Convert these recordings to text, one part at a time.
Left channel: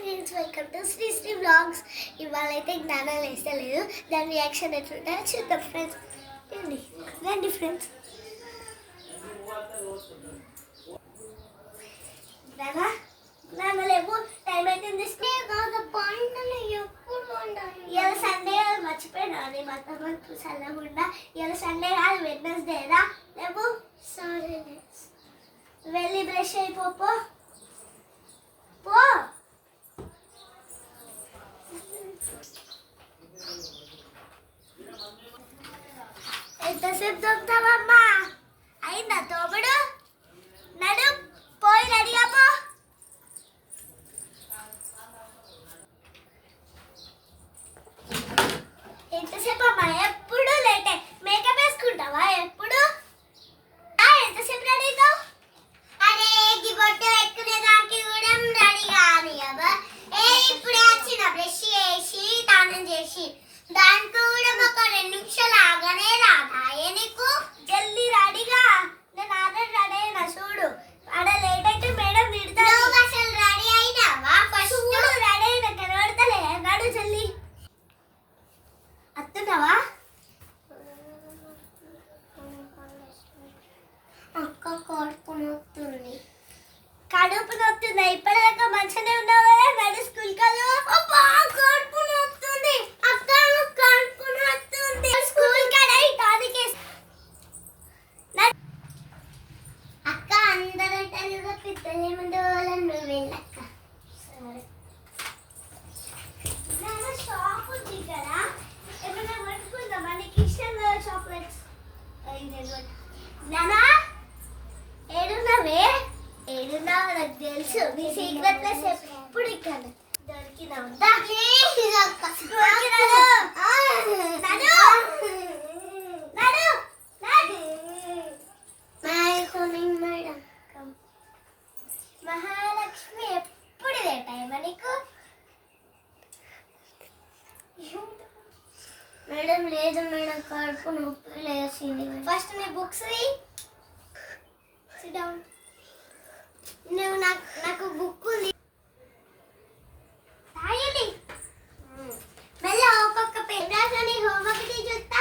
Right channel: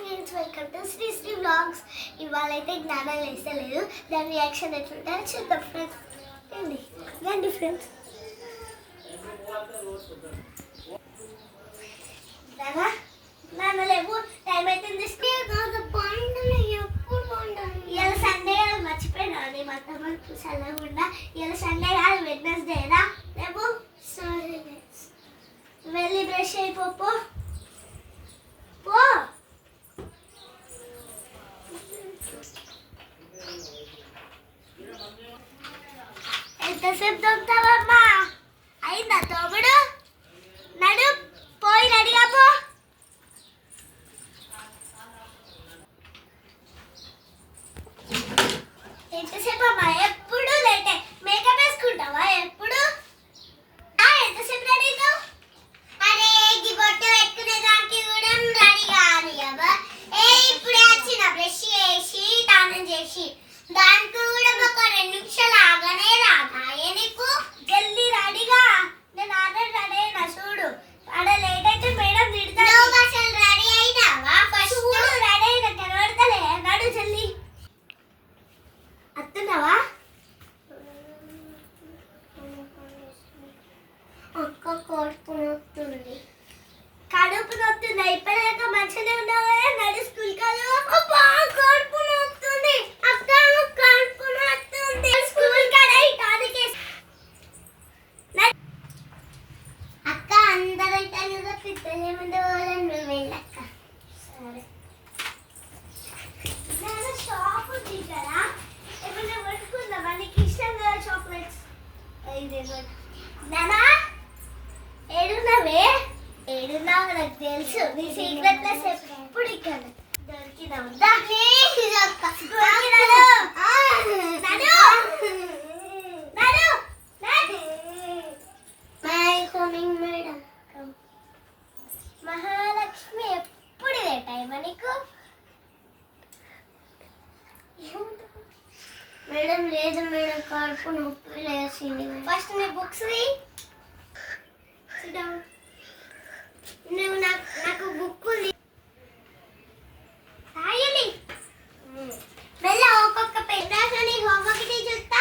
Friends, welcome to Sri Sri vlogs. ఇవాళ అయితే జ్ఞానం వేస్తలేదు, దాని రియాక్షన్ ఎట్లుంటుందో చూద్దాం ఫ్రెండ్స్. రండి ఫ్రెండ్స్. లేవు, టైం అవుతుంది. ఇవాళ సండే మర్చిపోయినా అని మా తమ్ముడు చల్లకుండా. ఇవాళ సండే కాదు, వెడ్నెస్డేనా. లేవు, సారీ వెళ్ళి బ్రష్ అయిపో పో. ఎంతసేపు దొరుకుతావమ్మా? అయిందా తోబుడు? నడు, పోయి రెడీగా పో. ఎంతసేపు అమ్మా? ఎప్పుడు లేటే. మేకప్ వేసుకుంటావా ఎప్పుడు? ఎంతసేపు రెడీ అవుతావు? అరే ఈ బొట్టు పెట్టుకునే దానికి కూడా రెడీ కాని అబ్బా. ఇప్పుడే వచ్చిన బ్రష్ చేసి స్నానం చేసి, దానికి కూడా ఒక 2 నిమిషాలు ఆగానే రాదా నీకు? జల్దీ రెడీగా. నేను ఆల్రెడీ రెడీ అయినా చూడు. అక్కడ లేట్ అయితే మేడం తిడతారు. నువ్వు అసలు రెడీ అయినావా? ఫస్ట్ రెడీ అయినా కనబడతలే. నడు జల్దీ. వస్తున్నావా? అక్క కడుపు నొస్తుంది. కడుపు నొస్తుందా? ఇప్పటిదాకా మంచిగానే ఉన్నావు కదా. నడు స్కూల్ కాదు. అబ్బా కడుపు నొస్తుంది. అక్క కడుపు నొస్తుంది. స్కూల్ కాడ ఇటాదికే. అక్క అందరూ ఇటాదిగా పిత్తనే ముందు వాళ్ళని నువ్వు వెళ్ళక్క. సరే. నేను షాప్ ఉంది కదా, ఏమైనా పట్టుకుందామా? నీకు ఇష్టం కదా చాక్లెట్స్? నానా ఏడున్నావే? ఏడున్నావు నాకు తెలుసు. నీ సీక్రెట్ ప్లేస్ ఎప్పుడు ఇక్కడ దొరికినావు. మహాలక్ష్మి ఎప్పుడు ఇదే టైమా నీకు? మేడం లేదు మేడం, కడుపు నొప్పి లేచింది. ఫస్ట్ నీ బుక్స్ నువ్వు నాకు బుక్ ఉంది. రాయండి మెల్ల. ఒక్కొక్క పెన్ రాసి హోంవర్క్ చూస్తా.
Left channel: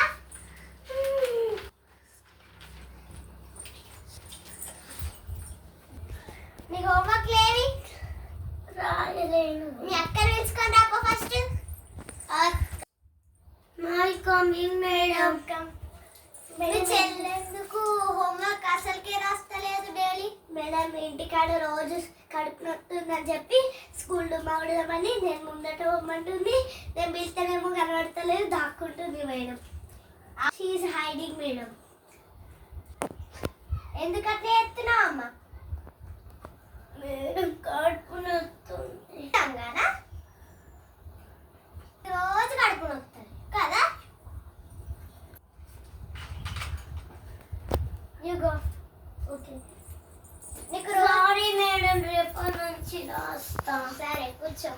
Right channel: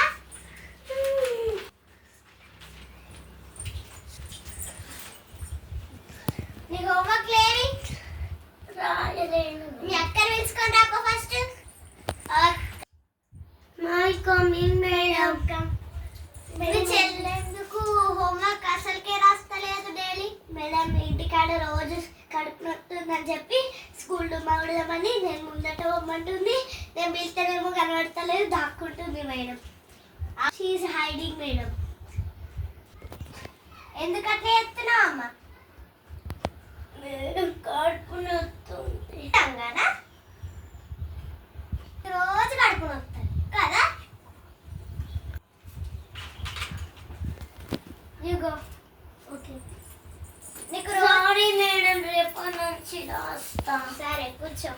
నీ హోంవర్క్ లేవి? రాయలేను. నీ అక్కని పిలుచుకొని రాపో ఫస్ట్. My coming madam. మీ చెల్లెందుకు హోంవర్క్ అసలుకే రాస్తలేదు డైలీ? మేడం ఇంటికాడ రోజు కడుపు నొస్తుందని చెప్పి స్కూల్లో మాడదామని నేను ముందట పోమంటుంది. నేను పిలిస్తేనేమో కనబడతలేదు, దాక్కుంటుంది మేడం. She is hiding madam. ఎందుకంటే ఎత్తున్నావు అమ్మ? మేడం కడుపు నొస్తుంది అంగానా? రోజు కడుపు నొస్తుంది కదా? You go. Okay. నీకు సారీ మేడం, రేపటి నుంచి రాస్తా. సరే కూర్చో.